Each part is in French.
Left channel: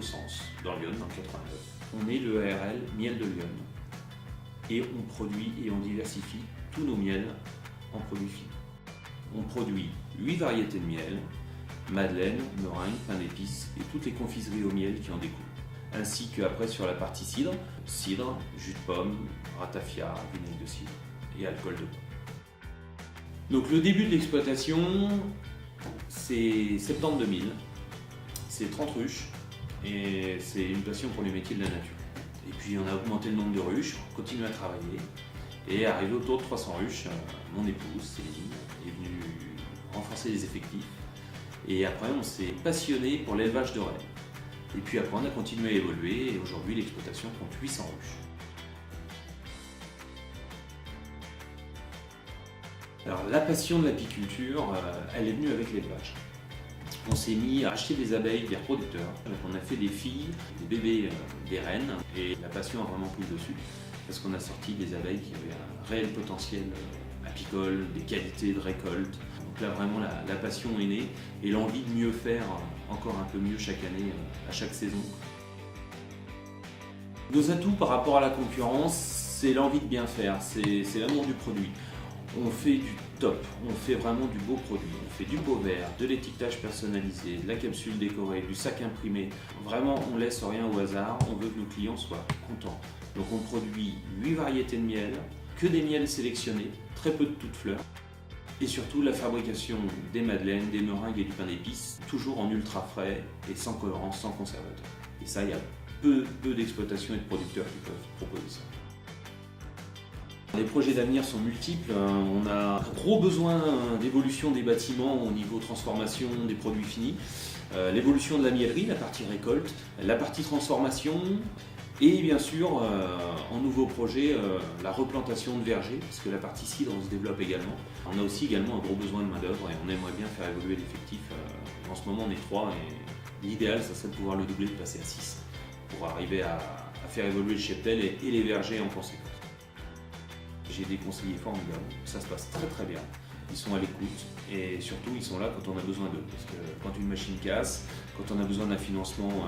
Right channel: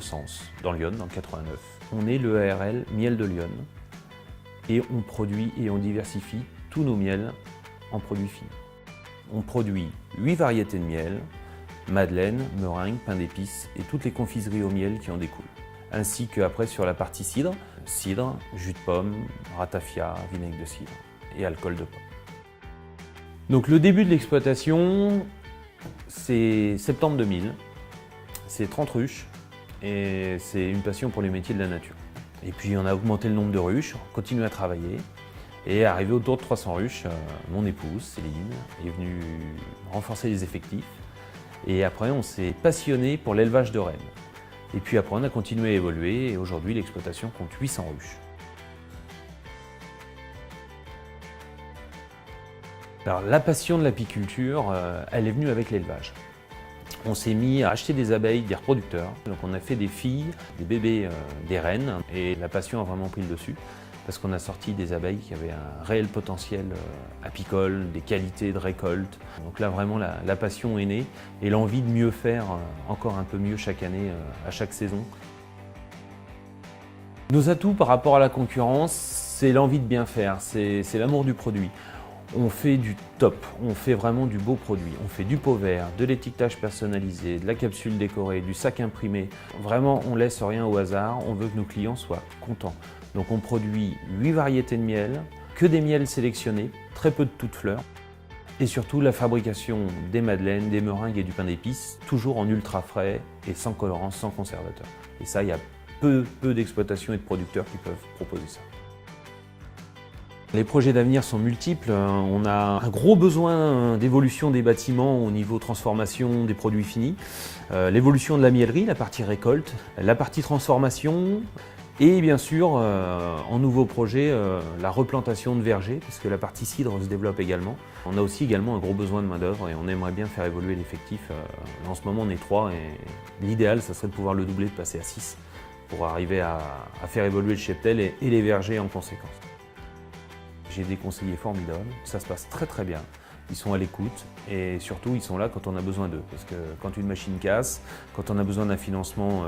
le Sens, dans Lyon, dans le 89. On est le ARL Miel de Lyon et on produit et on diversifie tous nos miels en produits finis. On produit 8 variétés de miel, madeleine, meringue, pain d'épices et toutes les confiseries au miel qui en découlent. Ainsi qu'après sur la partie cidre, jus de pomme, ratafia, vinaigre de cidre et alcool de pomme. Donc le début de l'exploitation, c'est septembre 2000, c'est 30 ruches et c'est une passion pour les métiers de la nature. Et puis on a augmenté le nombre de ruches, on continue à travailler et arrivé autour de 300 ruches, mon épouse Céline est venue renforcer les effectifs et après on s'est passionné pour l'élevage de rennes. Et puis après on a continué à évoluer et aujourd'hui l'exploitation compte 800 ruches. Alors la passion de l'apiculture, elle est venue avec l'élevage. On s'est mis à acheter des abeilles, des reproducteurs. Donc on a fait des filles, des bébés, des reines et la passion a vraiment pris le dessus parce qu'on a sorti des abeilles qui avaient un réel potentiel apicole, des qualités de récolte. Donc là vraiment la passion est née et l'envie de mieux faire encore un peu mieux chaque année, à chaque saison. Nos atouts par rapport à la concurrence, c'est l'envie de bien faire, c'est l'amour du produit. On fait du top, on fait vraiment du beau produit. On fait du pot vert, de l'étiquetage personnalisé, de la capsule décorée, du sac imprimé. Vraiment, on laisse rien au hasard, on veut que nos clients soient contents. Donc on produit 8 variétés de miel, que des miels sélectionnés, très peu de toutes fleurs. Et surtout la fabrication des madeleines, des meringues et du pain d'épices, toujours en ultra frais et sans colorant, sans conservateur. Et ça, il y a peu d'exploitations et de producteurs qui peuvent proposer ça. Les projets d'avenir sont multiples. On a un gros besoin d'évolution des bâtiments au niveau transformation des produits finis, l'évolution de la miellerie, la partie récolte, la partie transformation et bien sûr, en nouveau projet, la replantation de vergers parce que la partie cidre se développe également. On a aussi également un gros besoin de main d'œuvre et on aimerait bien faire évoluer l'effectif. En ce moment, on est 3 et l'idéal, ça serait de pouvoir le doubler, de passer à 6 pour arriver à faire évoluer le cheptel et les vergers en conséquence. J'ai des conseillers formidables, ça se passe très très bien. Ils sont à l'écoute et surtout ils sont là quand on a besoin d'eux. Parce que quand une machine casse, quand on a besoin d'un financement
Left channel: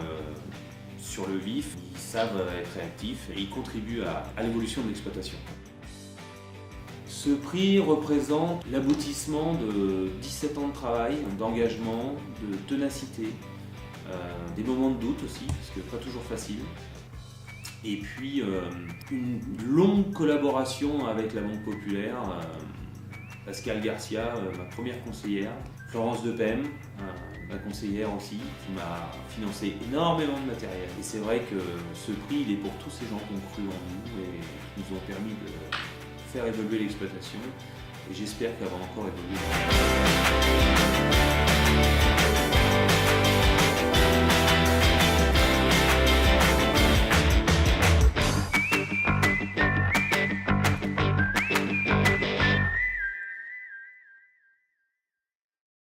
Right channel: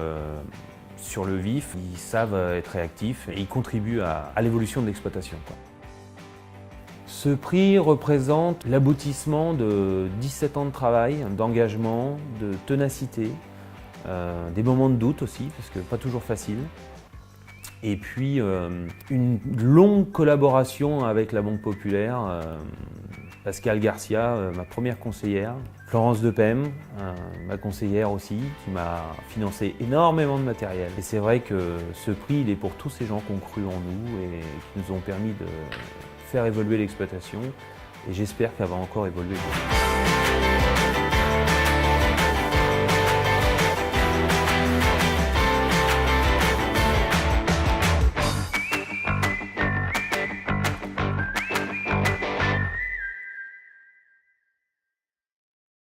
sur le vif, ils savent être réactifs et ils contribuent à l'évolution de l'exploitation. Ce prix représente l'aboutissement de 17 ans de travail, d'engagement, de ténacité, des moments de doute aussi, parce que pas toujours facile. Et puis une longue collaboration avec la Banque Populaire, Pascal Garcia, ma première conseillère, Florence Depem, ma conseillère aussi, qui m'a financé énormément de matériel. Et c'est vrai que ce prix, il est pour tous ces gens qui ont cru en nous et qui nous ont permis de faire évoluer l'exploitation. Et j'espère qu'elle va encore évoluer.